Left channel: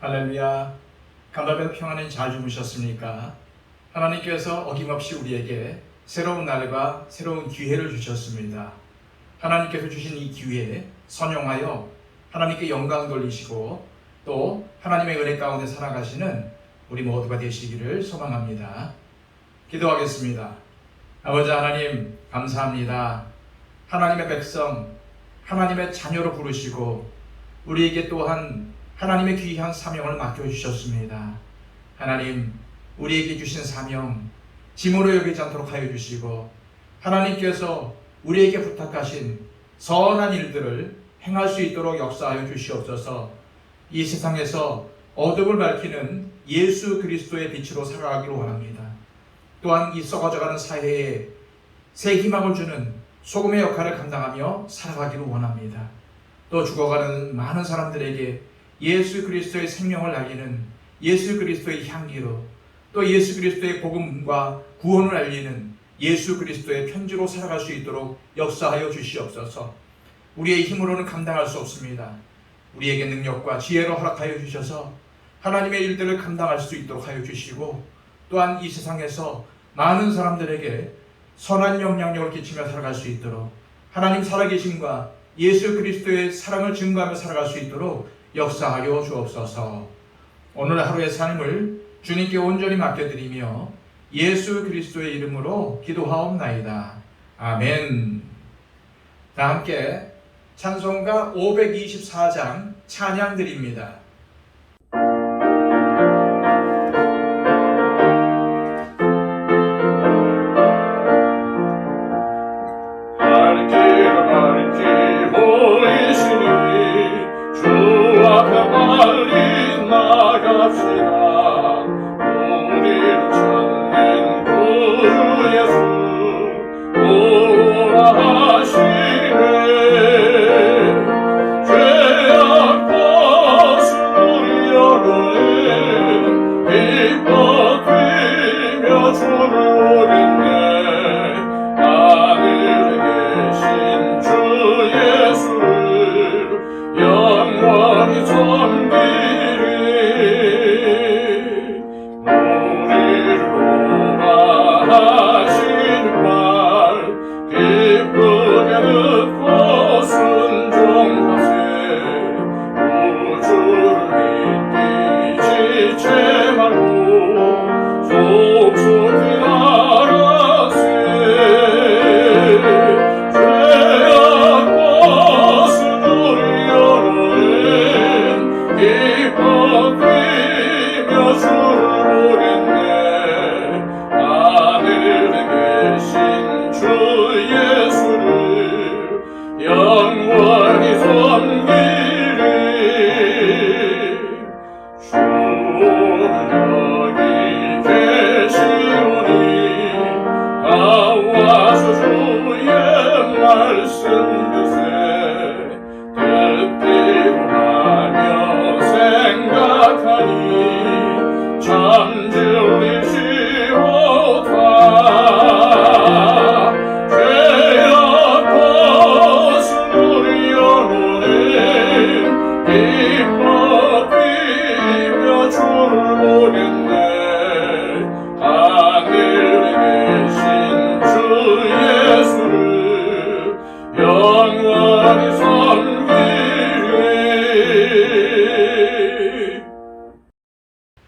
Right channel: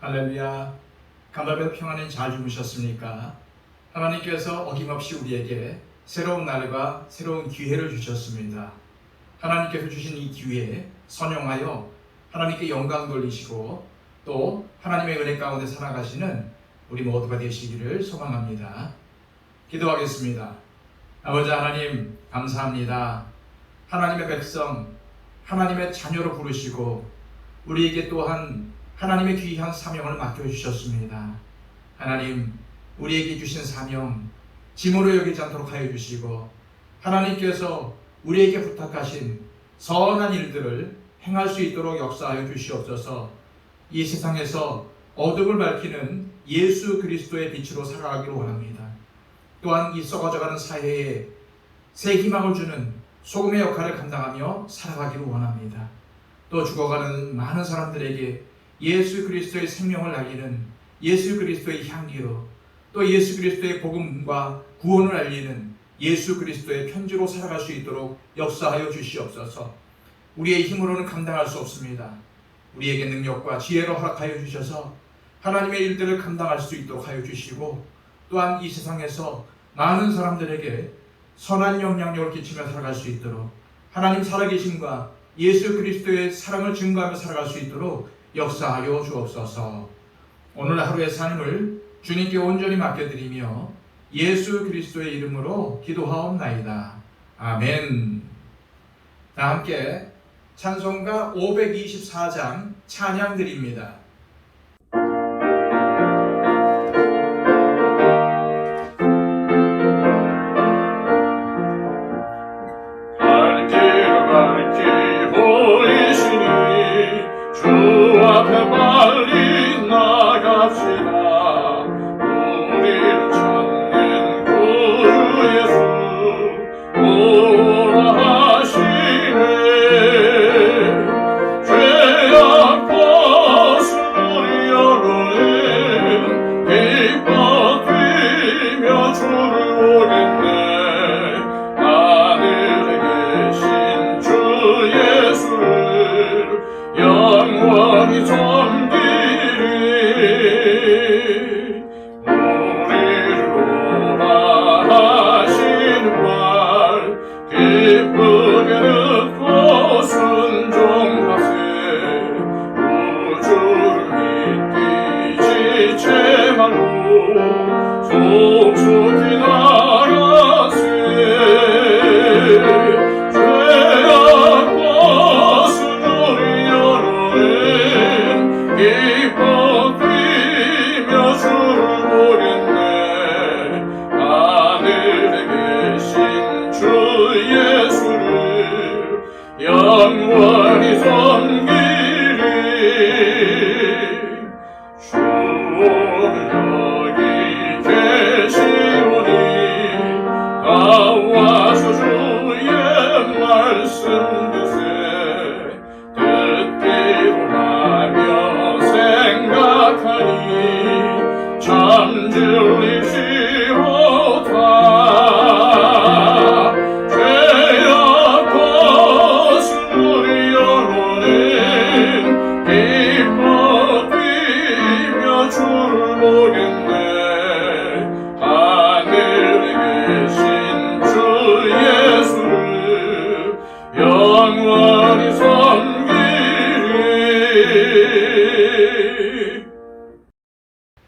할렐루야. 간밤에 평안히 잘 주무셨습니까? 하나님께서 어김없이 우리에게 새로운 날과 새로운 기회를 주셨습니다. 하나님께서 주신 이 기회에 선용하여 하나님께 영광 돌리시고 또 하나님의 은혜 가운데 살아가시는 우리 모두가 되시기를 소망합니다. 기도하겠습니다. 아버지 하나님 감사합니다. 하나님의 백성, 하나님의 자녀로 부르시고 우리에게 또한 하나님의 귀한 사명을 맡겨주셨습니다. 하나님, 우리에게 주신 사명 짐으로 여기지 않도록 하여 주시고 하나님께서 우리에게 부탁하신 선한 일들을 행할 수 있도록 역사하여 주시옵소서. 이 세상에서 어둠을 밝히는 예수 그리스도의 빛으로 살아가기를 원합니다. 또한 이 썩어져가는 사회에 새 희망을 주는 소금의 역할을 감당하며 살아가기를 원합니다. 또 죽어가는 많은 사람들에게 예수 그리스도의 생명을 알리는 예수 그리스도의 향기로 또 예수 그리스도의 복음과 구원을 알리는 예수 그리스도의 편지로 살아갈 수 있도록 역사하여 주시옵소서. 우리의 힘으로는 감당할 수 없습니다. 우리에게 능력과 지혜를 허락하여 주셔서 하나님의 일들을 감당할 수 있도록 하여 주시고 또한 이 세상에서 많은 사람들에게 선한 영향력을 끼치며 살아갈 수 있도록 하나님 살아계심과 예수 그리스도의 사랑을 증거하며 살아갈 수 있도록 역사하여 주옵소서. 오늘 하루의 삶을 주님께 온전히 맡겨드리며 예수 그리스도의 이름으로 기도하옵나이다. 아멘. 다 함께 찬송가 524장 찬양 드립니다. 주 앞에 빨리 나갑시다. 우리를 찾는 구주 예수 오라 하시네. 죄악 벗은 영혼은 기뻐 뛰며 주를 보겠네. 하늘에 계신 주 예수를 영원히 섬기리. 우리를 오라 하시는 말 기쁘게 듣고 순종하세. 우주를 믿기 지체 말고 속속히 나가세. 기뻐 뛰며 주를 보겠네. 하늘에 계신 주 예수를 영원히 섬기리. 주는 여기 계시오니 다 와서 주의 말씀 드세. 듣기로 하며 생각하니 참 진리시로다. 죄악 벗은 우리 영혼은 기뻐 뛰며 주를 보겠네. 하늘에 계신 주 예수를 영원히 섬기리.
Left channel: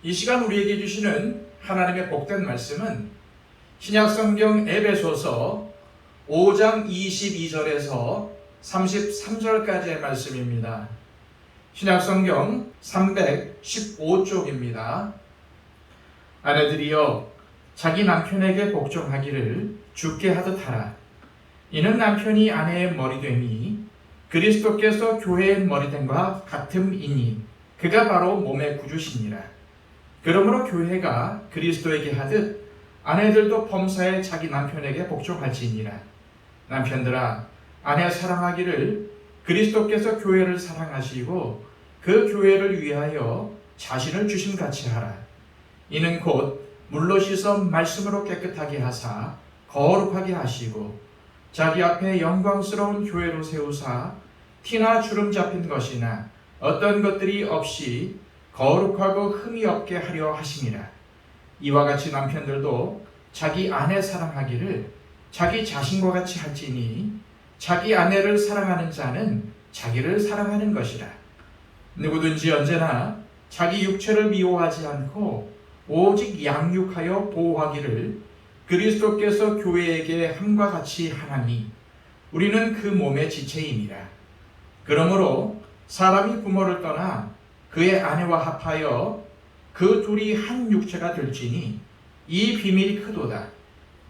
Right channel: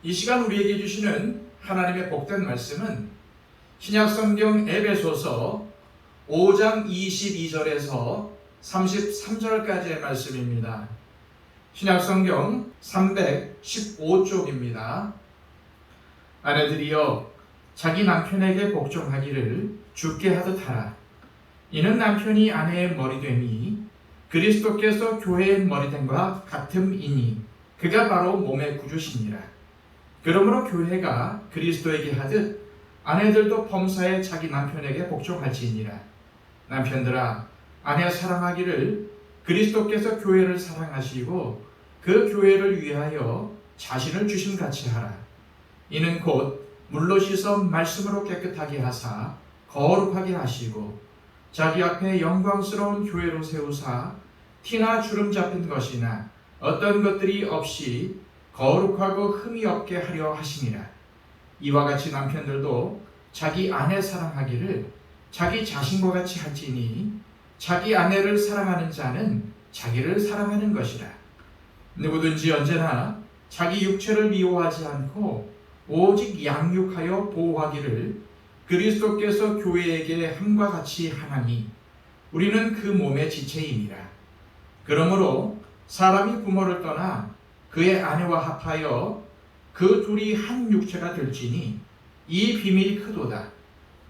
이 시간 우리에게 주시는 하나님의 복된 말씀은 신약성경 에베소서 5장 22절에서 33절까지의 말씀입니다. 신약성경 315쪽입니다. 아내들이여 자기 남편에게 복종하기를 주께 하듯 하라. 이는 남편이 아내의 머리됨이 그리스도께서 교회의 머리됨과 같음이니 그가 바로 몸의 구주시니라. 그러므로 교회가 그리스도에게 하듯 아내들도 범사에 자기 남편에게 복종할지니라. 남편들아 아내 사랑하기를 그리스도께서 교회를 사랑하시고 그 교회를 위하여 자신을 주심같이 하라. 이는 곧 물로 씻어 말씀으로 깨끗하게 하사 거룩하게 하시고 자기 앞에 영광스러운 교회로 세우사 티나 주름 잡힌 것이나 어떤 것들이 없이 거룩하고 흠이 없게 하려 하심이라. 이와 같이 남편들도 자기 아내 사랑하기를 자기 자신과 같이 할지니 자기 아내를 사랑하는 자는 자기를 사랑하는 것이라. 누구든지 언제나 자기 육체를 미워하지 않고 오직 양육하여 보호하기를 그리스도께서 교회에게 함과 같이 하나니 우리는 그 몸의 지체임이라. 그러므로 사람이 부모를 떠나 그의 아내와 합하여 그 둘이 한 육체가 될지니 이 비밀이 크도다.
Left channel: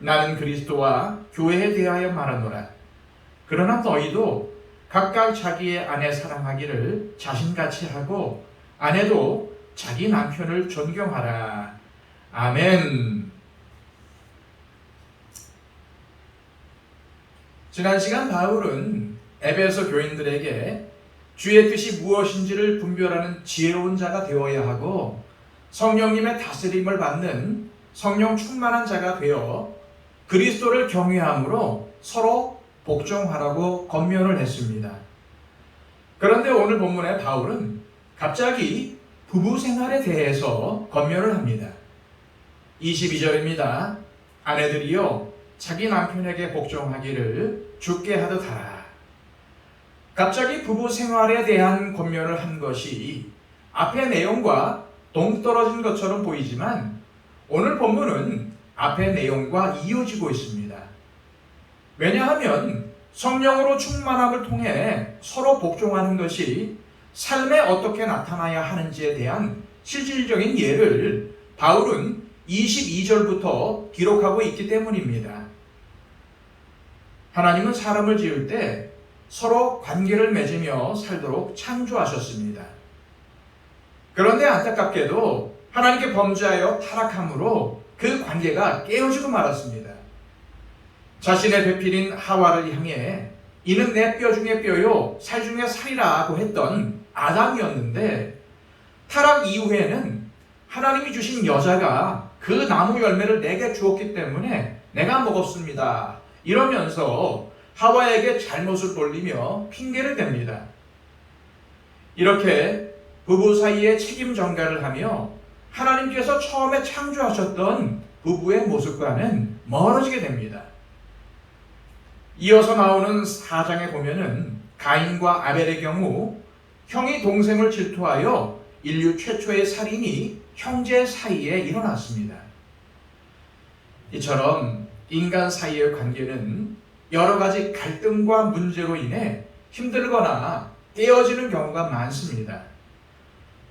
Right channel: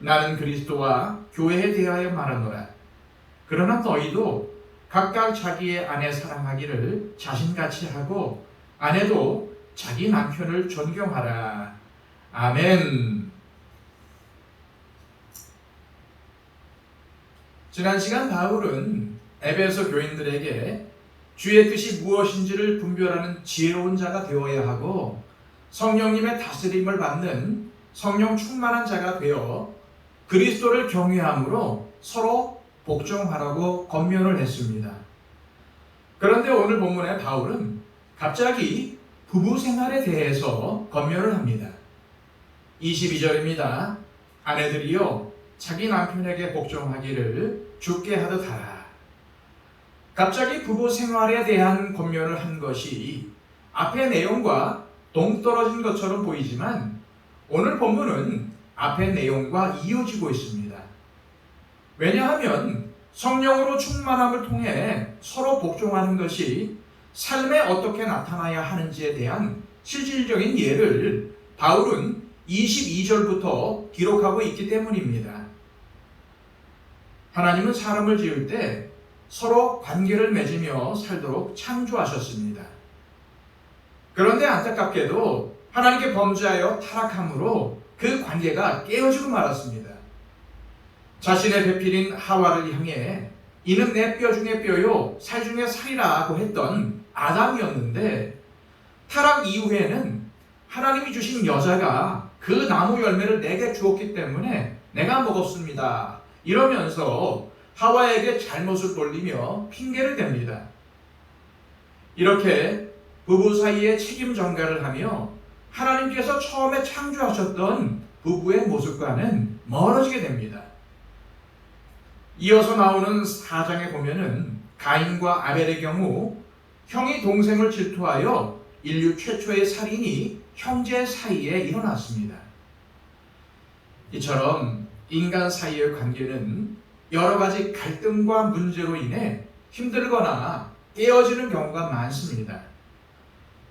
나는 그리스도와 교회에 대하여 말하노라. 그러나 너희도 각각 자기의 아내 사랑하기를 자신같이 하고 아내도 자기 남편을 존경하라. 아멘. 지난 시간 바울은 에베소 교인들에게 주의 뜻이 무엇인지를 분별하는 지혜로운 자가 되어야 하고 성령님의 다스림을 받는 성령 충만한 자가 되어 그리스도를 경외함으로 서로 복종하라고 권면을 했습니다. 그런데 오늘 본문의 바울은 갑자기 부부 생활에 대해서 권면을 합니다. 22절입니다. 아내들이여 자기 남편에게 복종하기를 주께 하듯 하라. 갑자기 부부 생활에 대한 권면을 한 것이 앞의 내용과 동떨어진 것처럼 보이지만 오늘 본문은 앞의 내용과 이어지고 있습니다. 왜냐하면 성령으로 충만함을 통해 서로 복종하는 것이 삶에 어떻게 나타나야 하는지에 대한 실질적인 예를 바울은 22절부터 기록하고 있기 때문입니다. 하나님은 사람을 지을 때 서로 관계를 맺으며 살도록 창조하셨습니다. 그런데 안타깝게도 하나님께 범죄하여 타락함으로 그 관계가 깨어지고 말았습니다. 자신의 배필인 하와를 향해 이는 내 뼈 중에 뼈요 살 중에 살이라고 했던 아담이었는데 타락 이후에는 하나님이 주신 여자가 그 나무 열매를 내게 주었기 때문에 내가 먹었습니다. 이러면서 하와에게 잘못을 돌리며 핑계를 댑니다. 이렇게 부부 사이에 책임 전가를 하며 하나님께서 처음에 창조하셨던 부부의 모습과는 멀어지게 됩니다. 이어서 나오는 4장에 보면은 가인과 아벨의 경우 형이 동생을 질투하여 인류 최초의 살인이 형제 사이에 일어났습니다. 이처럼 인간 사이의 관계는 여러 가지 갈등과 문제로 인해 힘들거나 깨어지는 경우가 많습니다.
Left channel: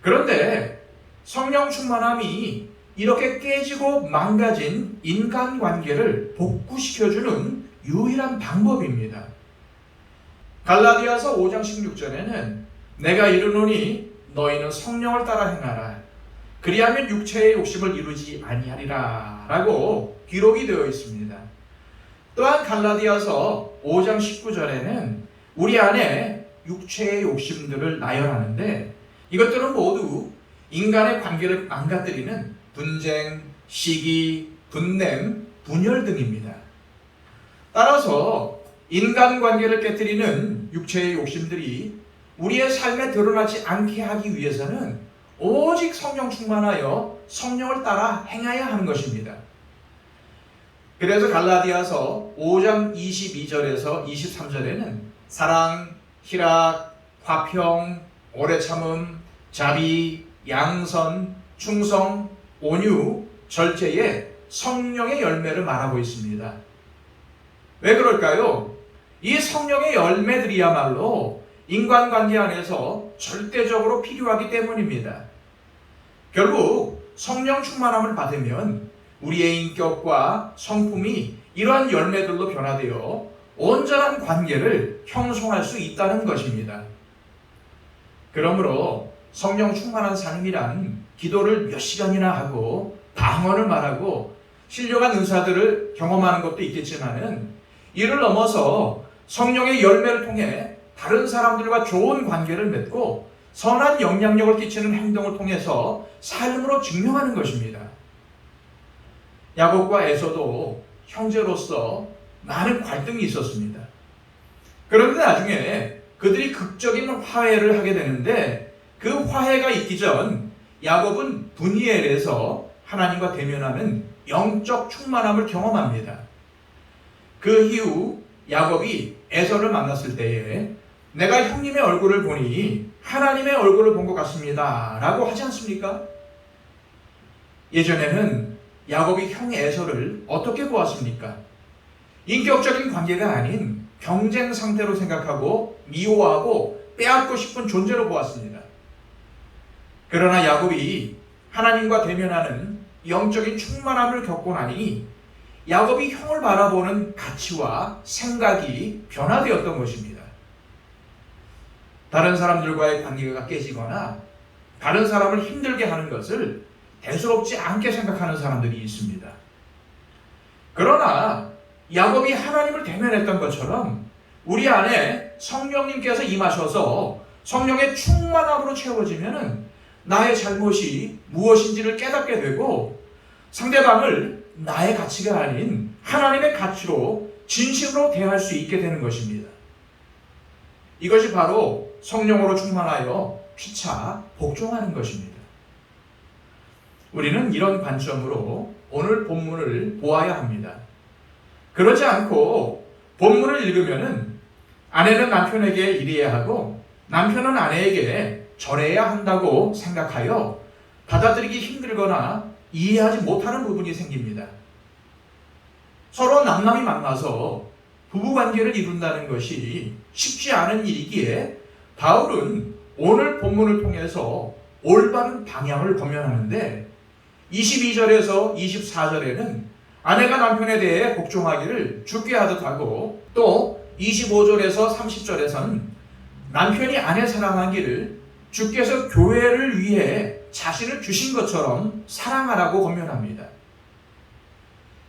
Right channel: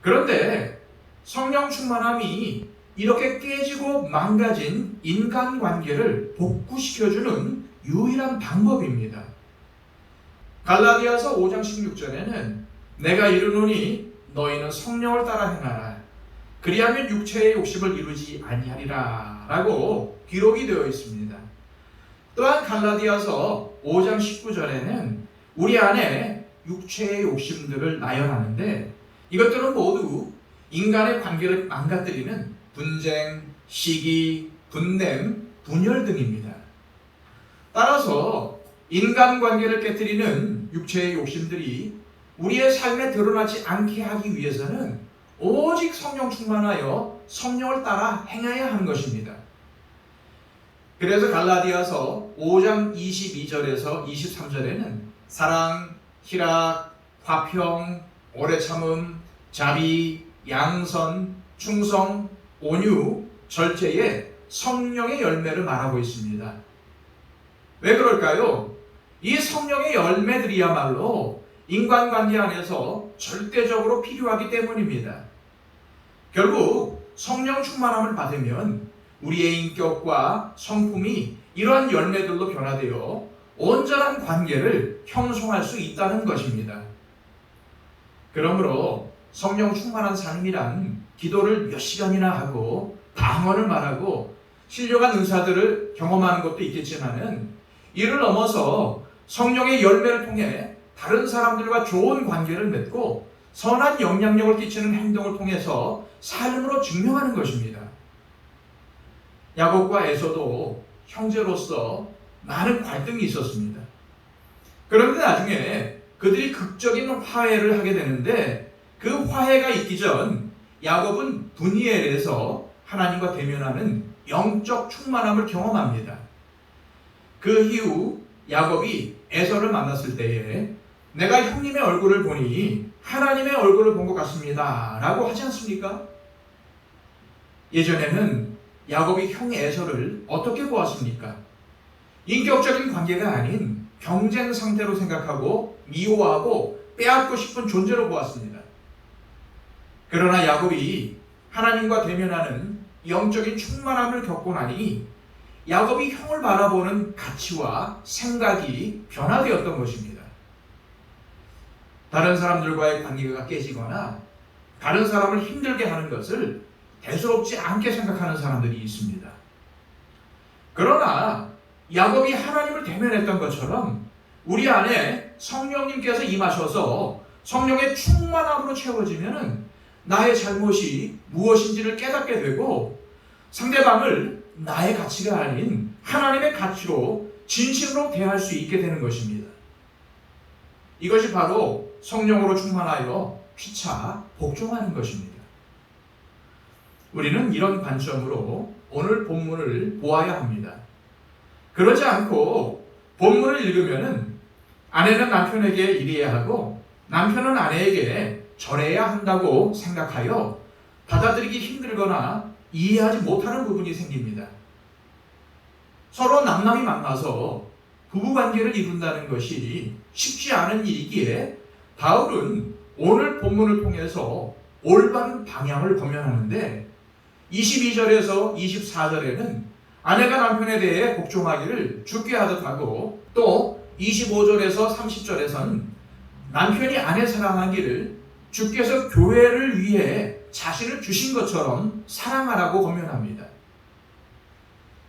그런데 성령 충만함이 이렇게 깨지고 망가진 인간관계를 복구시켜주는 유일한 방법입니다. 갈라디아서 5장 16절에는 내가 이르노니 너희는 성령을 따라 행하라. 그리하면 육체의 욕심을 이루지 아니하리라 라고 기록이 되어 있습니다. 또한 갈라디아서 5장 19절에는 우리 안에 육체의 욕심들을 나열하는데 이것들은 모두 인간의 관계를 망가뜨리는 분쟁, 시기, 분냄, 분열 등입니다. 따라서 인간관계를 깨뜨리는 육체의 욕심들이 우리의 삶에 드러나지 않게 하기 위해서는 오직 성령 충만하여 성령을 따라 행해야 하는 것입니다. 그래서 갈라디아서 5장 22절에서 23절에는 사랑, 희락, 화평, 오래 참음, 자비, 양선, 충성, 온유, 절제의 성령의 열매를 말하고 있습니다. 왜 그럴까요? 이 성령의 열매들이야말로 인간관계 안에서 절대적으로 필요하기 때문입니다. 결국 성령 충만함을 받으면 우리의 인격과 성품이 이러한 열매들로 변화되어 온전한 관계를 형성할 수 있다는 것입니다. 그러므로 성령 충만한 삶이란 기도를 몇 시간이나 하고 방언을 말하고 신령한 은사들을 경험하는 것도 있겠지만은 이를 넘어서 성령의 열매를 통해 다른 사람들과 좋은 관계를 맺고 선한 영향력을 끼치는 행동을 통해서 삶으로 증명하는 것입니다. 야곱과 에서도 형제로서 많은 갈등이 있었습니다. 그런데 나중에 그들이 극적인 화해를 하게 되는데 그 화해가 있기 전 야곱은 분이엘에서 하나님과 대면하는 영적 충만함을 경험합니다. 그 이후 야곱이 에서를 만났을 때에 내가 형님의 얼굴을 보니 하나님의 얼굴을 본 것 같습니다 라고 하지 않습니까? 예전에는 야곱이 형 에서를 어떻게 보았습니까? 인격적인 관계가 아닌 경쟁 상태로 생각하고 미워하고 빼앗고 싶은 존재로 보았습니다. 그러나 야곱이 하나님과 대면하는 영적인 충만함을 겪고 나니 야곱이 형을 바라보는 가치와 생각이 변화되었던 것입니다. 다른 사람들과의 관계가 깨지거나 다른 사람을 힘들게 하는 것을 대수롭지 않게 생각하는 사람들이 있습니다. 그러나 야곱이 하나님을 대면했던 것처럼 우리 안에 성령님께서 임하셔서 성령의 충만함으로 채워지면 나의 잘못이 무엇인지를 깨닫게 되고 상대방을 나의 가치가 아닌 하나님의 가치로 진실로 대할 수 있게 되는 것입니다. 이것이 바로 성령으로 충만하여 피차 복종하는 것입니다. 우리는 이런 관점으로 오늘 본문을 보아야 합니다. 그러지 않고 본문을 읽으면 아내는 남편에게 이래야 하고 남편은 아내에게 저래야 한다고 생각하여 받아들이기 힘들거나 이해하지 못하는 부분이 생깁니다. 서로 남남이 만나서 부부관계를 이룬다는 것이 쉽지 않은 일이기에 바울은 오늘 본문을 통해서 올바른 방향을 권면하는데 22절에서 24절에는 아내가 남편에 대해 복종하기를 주께 하듯 하고 또 25절에서 30절에서는 남편이 아내 사랑하기를 주께서 교회를 위해 자신을 주신 것처럼 사랑하라고 권면합니다.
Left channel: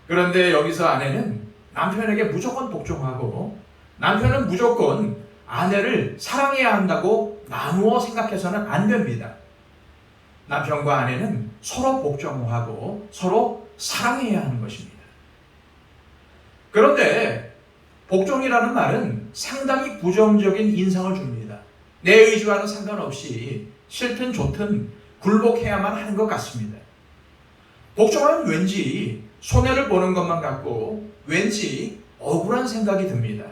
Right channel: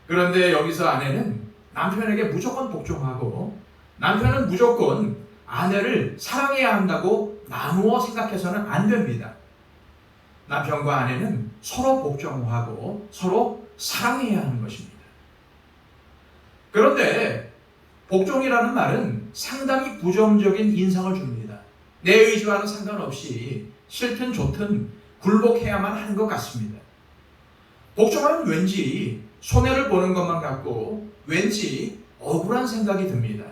그런데 여기서 아내는 남편에게 무조건 복종하고 남편은 무조건 아내를 사랑해야 한다고 나누어 생각해서는 안 됩니다. 남편과 아내는 서로 복종하고 서로 사랑해야 하는 것입니다. 그런데 복종이라는 말은 상당히 부정적인 인상을 줍니다. 내 의지와는 상관없이 싫든 좋든 굴복해야만 하는 것 같습니다. 복종하면 왠지 손해를 보는 것만 같고 왠지 억울한 생각이 듭니다.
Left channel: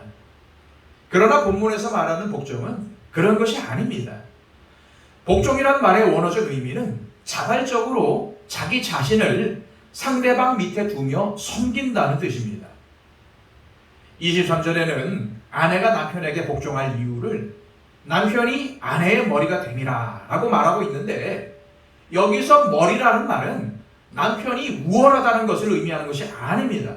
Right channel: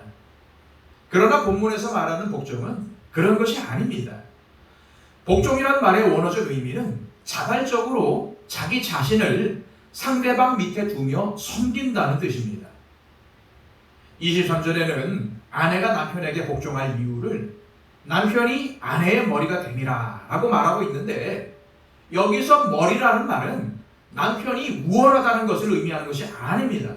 그러나 본문에서 말하는 복종은 그런 것이 아닙니다. 복종이라는 말의 원어적 의미는 자발적으로 자기 자신을 상대방 밑에 두며 섬긴다는 뜻입니다. 23절에는 아내가 남편에게 복종할 이유를 남편이 아내의 머리가 됨이라 라고 말하고 있는데 여기서 머리라는 말은 남편이 우월하다는 것을 의미하는 것이 아닙니다.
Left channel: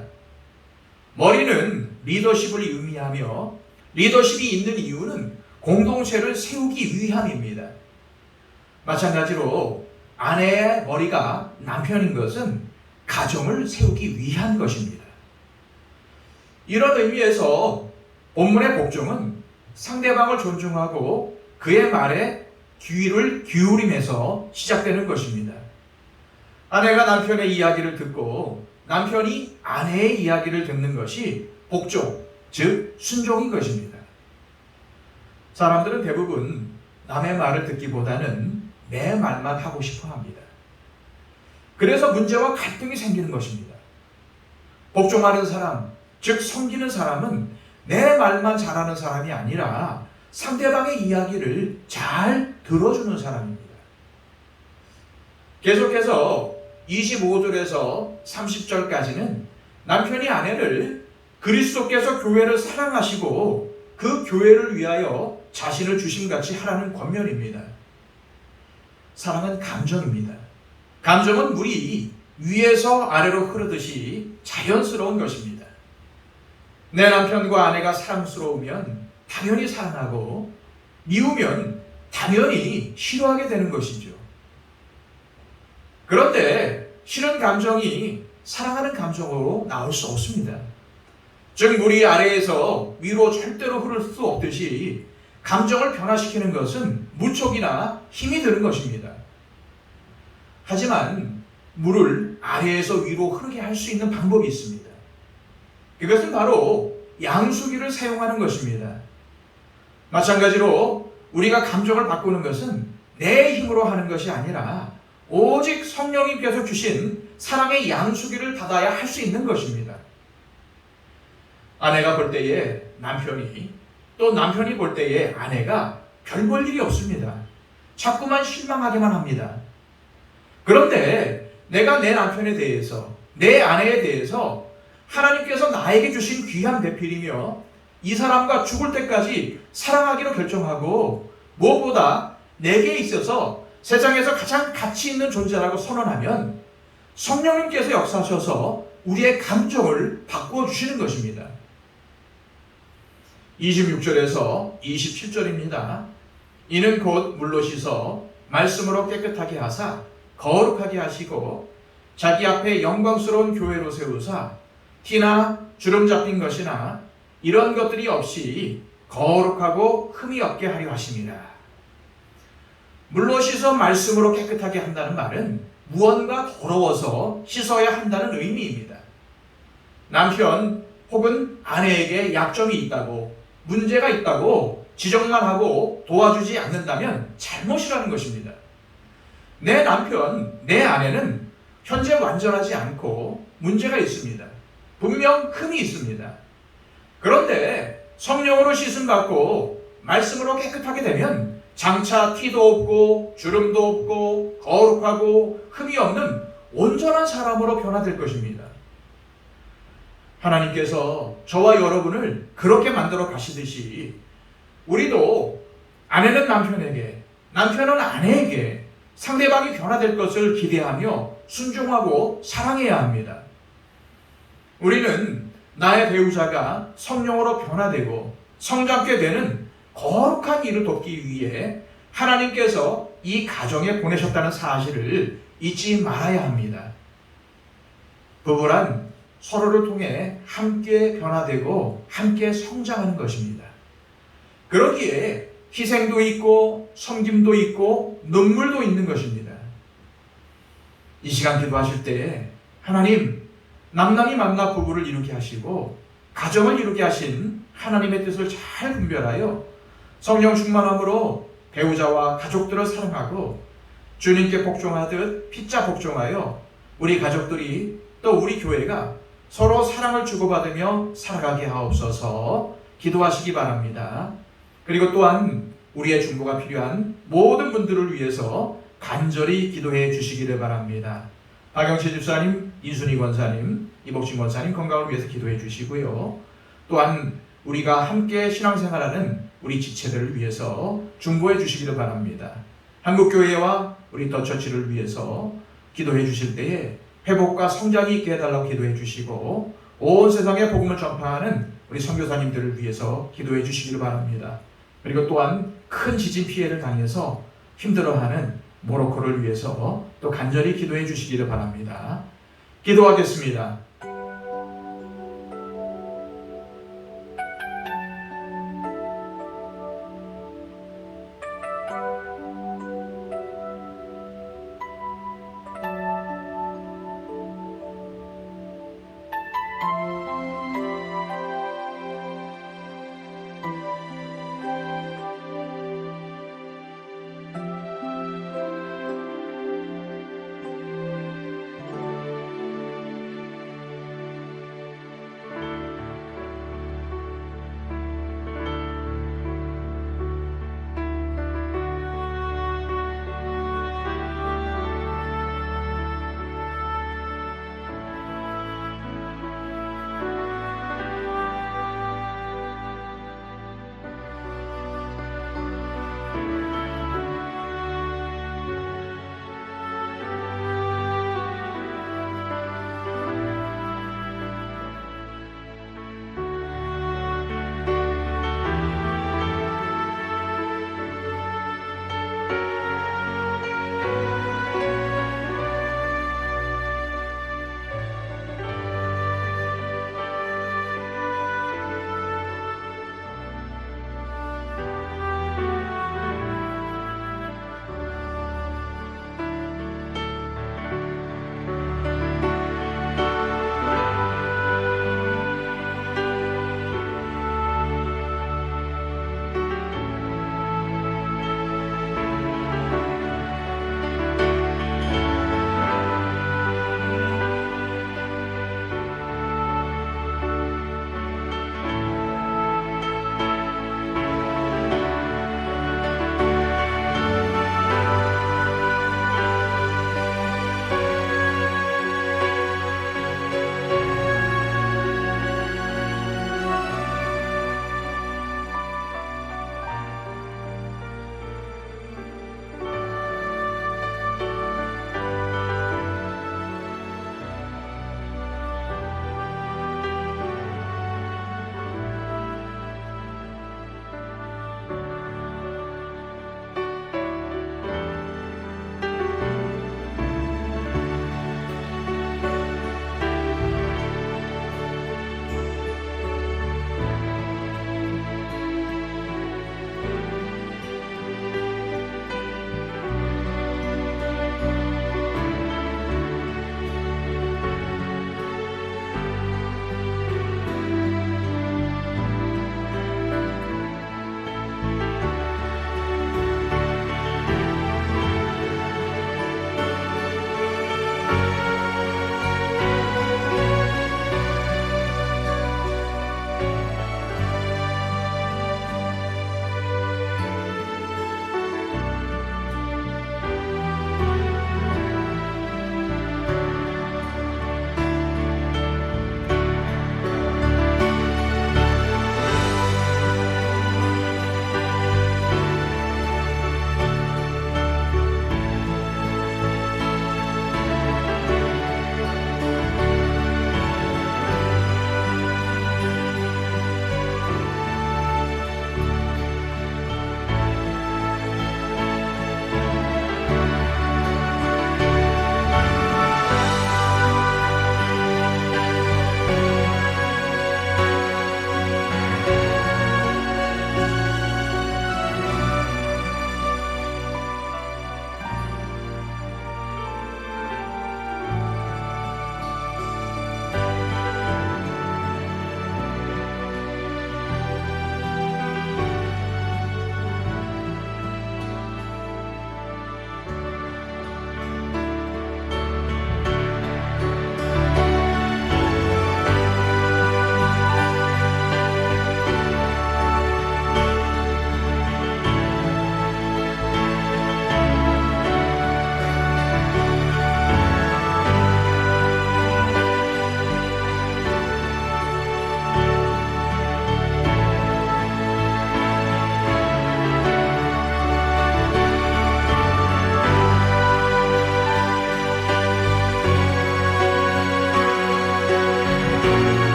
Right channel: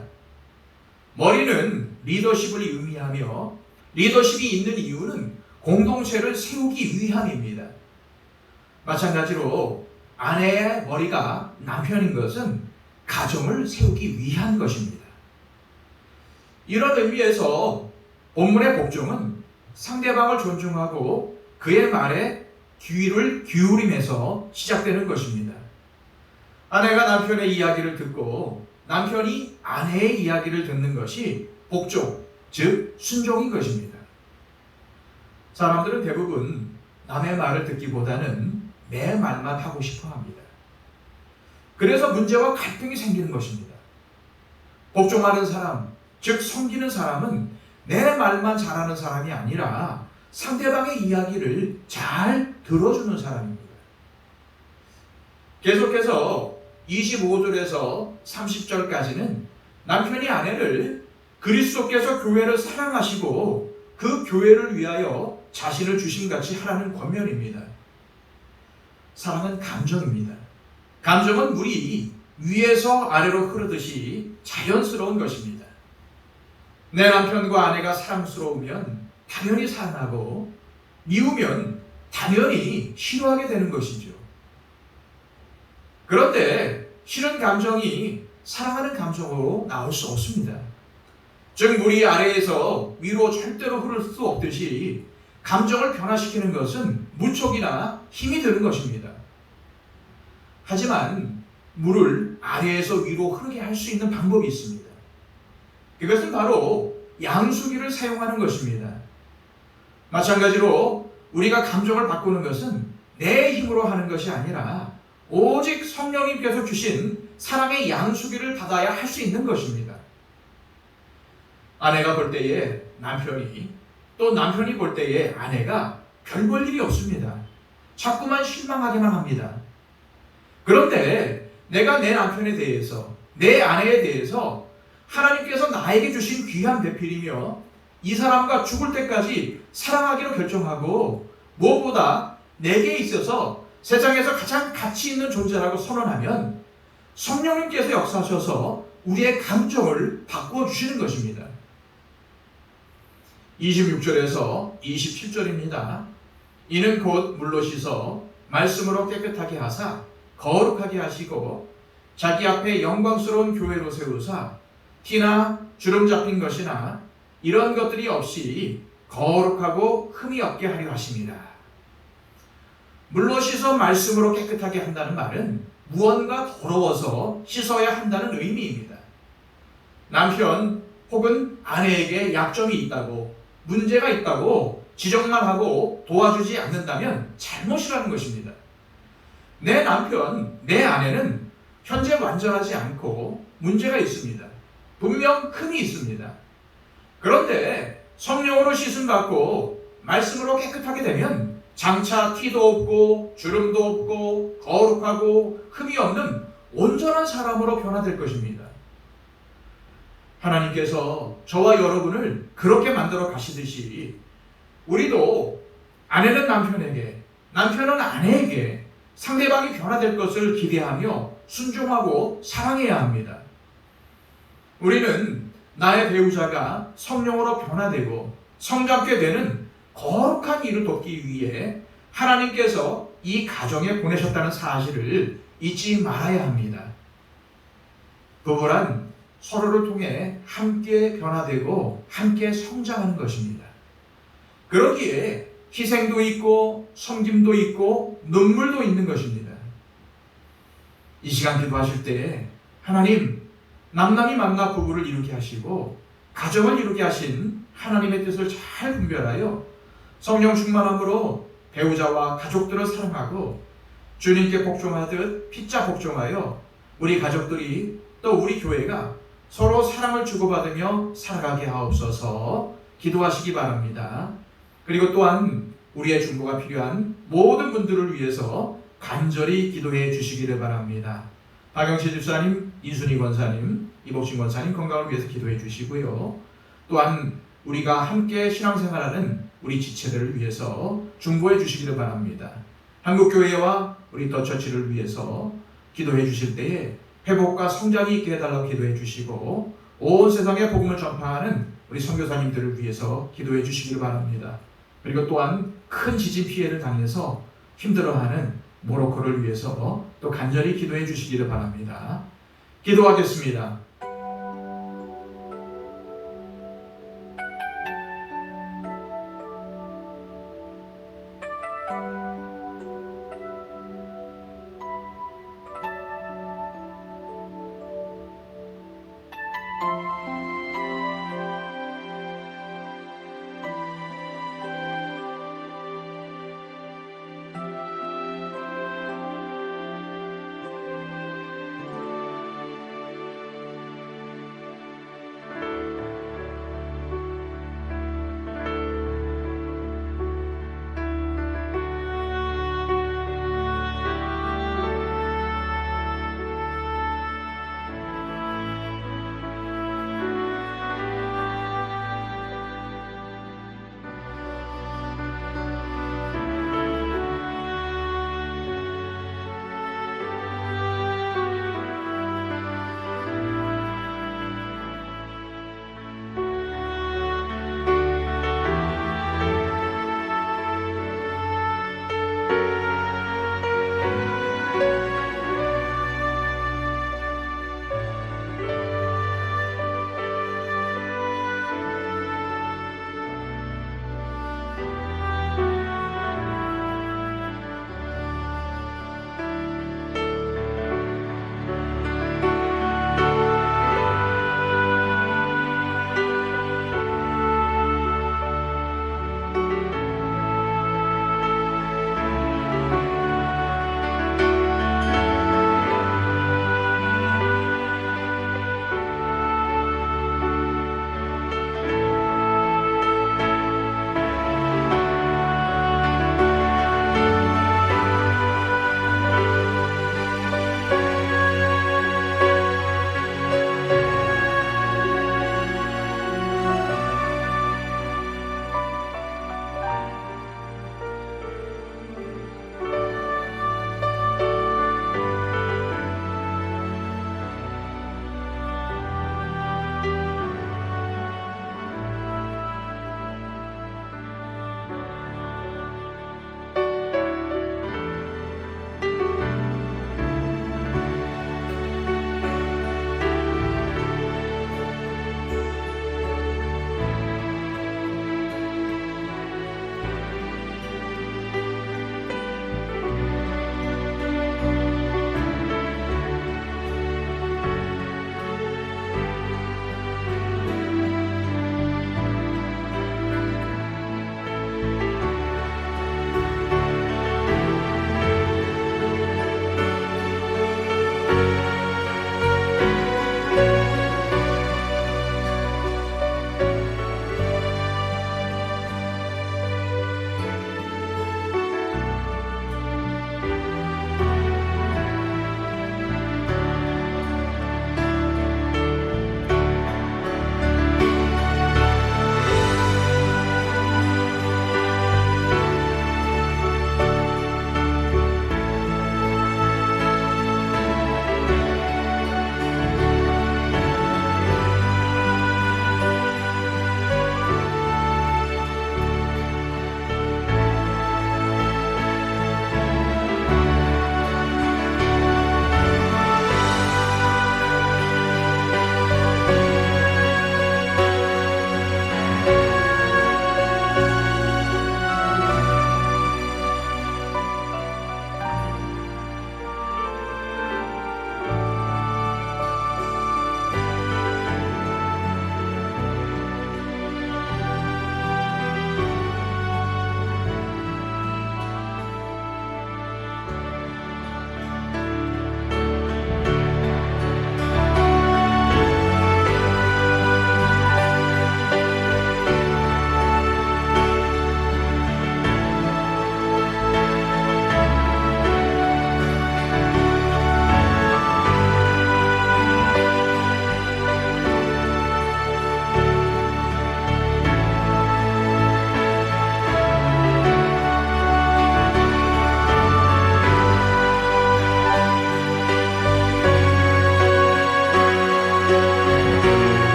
머리는 리더십을 의미하며 리더십이 있는 이유는 공동체를 세우기 위함입니다. 마찬가지로 아내의 머리가 남편인 것은 가정을 세우기 위한 것입니다. 이런 의미에서 본문의 복종은 상대방을 존중하고 그의 말에 귀를 기울임에서 시작되는 것입니다. 아내가 남편의 이야기를 듣고 남편이 아내의 이야기를 듣는 것이 복종, 즉 순종인 것입니다. 사람들은 대부분 남의 말을 듣기보다는 내 말만 하고 싶어 합니다. 그래서 문제와 갈등이 생기는 것입니다. 복종하는 사람, 즉 섬기는 사람은 내 말만 잘하는 사람이 아니라 상대방의 이야기를 잘 들어주는 사람입니다. 계속해서 25절에서 30절까지는 남편이 아내를 그리스도께서 교회를 사랑하시고 그 교회를 위하여 자신을 주심같이 하라는 권면입니다. 사랑은 감정입니다. 감정은 물이 위에서 아래로 흐르듯이 자연스러운 것입니다. 내 남편과 아내가 사랑스러우면 당연히 사랑하고 미우면 당연히 싫어하게 되는 것이죠. 그런데 싫은 감정이 사랑하는 감정으로 나올 수 없습니다. 즉 물이 아래에서 위로 절대로 흐를 수 없듯이 감정을 변화시키는 것은 무척이나 힘이 드는 것입니다. 하지만 물을 아래에서 위로 흐르게 할 수 있는 방법이 있습니다. 그것은 바로 양수기를 사용하는 것입니다. 마찬가지로 우리가 감정을 바꾸는 것은 내 힘으로 하는 것이 아니라 오직 성령님께서 주신 사랑의 양수기를 받아야 할 수 있는 것입니다. 아내가 볼 때에 남편이, 또 남편이 볼 때에 아내가 별 볼 일이 없습니다. 자꾸만 실망하게만 합니다. 그런데 내가 내 남편에 대해서, 내 아내에 대해서 하나님께서 나에게 주신 귀한 배필이며 이 사람과 죽을 때까지 사랑하기로 결정하고 무엇보다 내게 있어서 세상에서 가장 가치 있는 존재라고 선언하면 성령님께서 역사하셔서 우리의 감정을 바꾸어 주시는 것입니다. 26절에서 27절입니다. 이는 곧 물로 씻어 말씀으로 깨끗하게 하사 거룩하게 하시고 자기 앞에 영광스러운 교회로 세우사 티나 주름 잡힌 것이나 이런 것들이 없이 거룩하고 흠이 없게 하려 하십니다. 물로 씻어 말씀으로 깨끗하게 한다는 말은 무언가 더러워서 씻어야 한다는 의미입니다. 남편 혹은 아내에게 약점이 있다고, 문제가 있다고 지적만 하고 도와주지 않는다면 잘못이라는 것입니다. 내 남편, 내 아내는 현재 완전하지 않고 문제가 있습니다. 분명 흠이 있습니다. 그런데 성령으로 씻음 받고 말씀으로 깨끗하게 되면 장차 티도 없고 주름도 없고 거룩하고 흠이 없는 온전한 사람으로 변화될 것입니다. 하나님께서 저와 여러분을 그렇게 만들어 가시듯이 우리도 아내는 남편에게, 남편은 아내에게 상대방이 변화될 것을 기대하며 순종하고 사랑해야 합니다. 우리는 나의 배우자가 성령으로 변화되고 성장케 되는 거룩한 일을 돕기 위해 하나님께서 이 가정에 보내셨다는 사실을 잊지 말아야 합니다. 부부란 서로를 통해 함께 변화되고 함께 성장하는 것입니다. 그러기에 희생도 있고 섬김도 있고 눈물도 있는 것입니다. 이 시간 기도하실 때 하나님, 남남이 만나 부부를 이루게 하시고 가정을 이루게 하신 하나님의 뜻을 잘 분별하여 성령 충만함으로 배우자와 가족들을 사랑하고 주님께 복종하듯 피자 복종하여 우리 가족들이 또 우리 교회가 서로 사랑을 주고받으며 살아가게 하옵소서 기도하시기 바랍니다. 그리고 또한 우리의 중보가 필요한 모든 분들을 위해서 간절히 기도해 주시기를 바랍니다. 박영치 집사님, 이순희 권사님, 이복진 권사님 건강을 위해서 기도해 주시고요. 또한 우리가 함께 신앙생활하는 우리 지체들을 위해서 중보해 주시기를 바랍니다. 한국교회와 우리 더처치를 위해서 기도해 주실 때에 회복과 성장이 있게 해달라고 기도해 주시고 온 세상에 복음을 전파하는 우리 선교사님들을 위해서 기도해 주시기를 바랍니다. 그리고 또한 큰 지진 피해를 당해서 힘들어하는 모로코를 위해서 또 간절히 기도해 주시기를 바랍니다. 기도하겠습니다.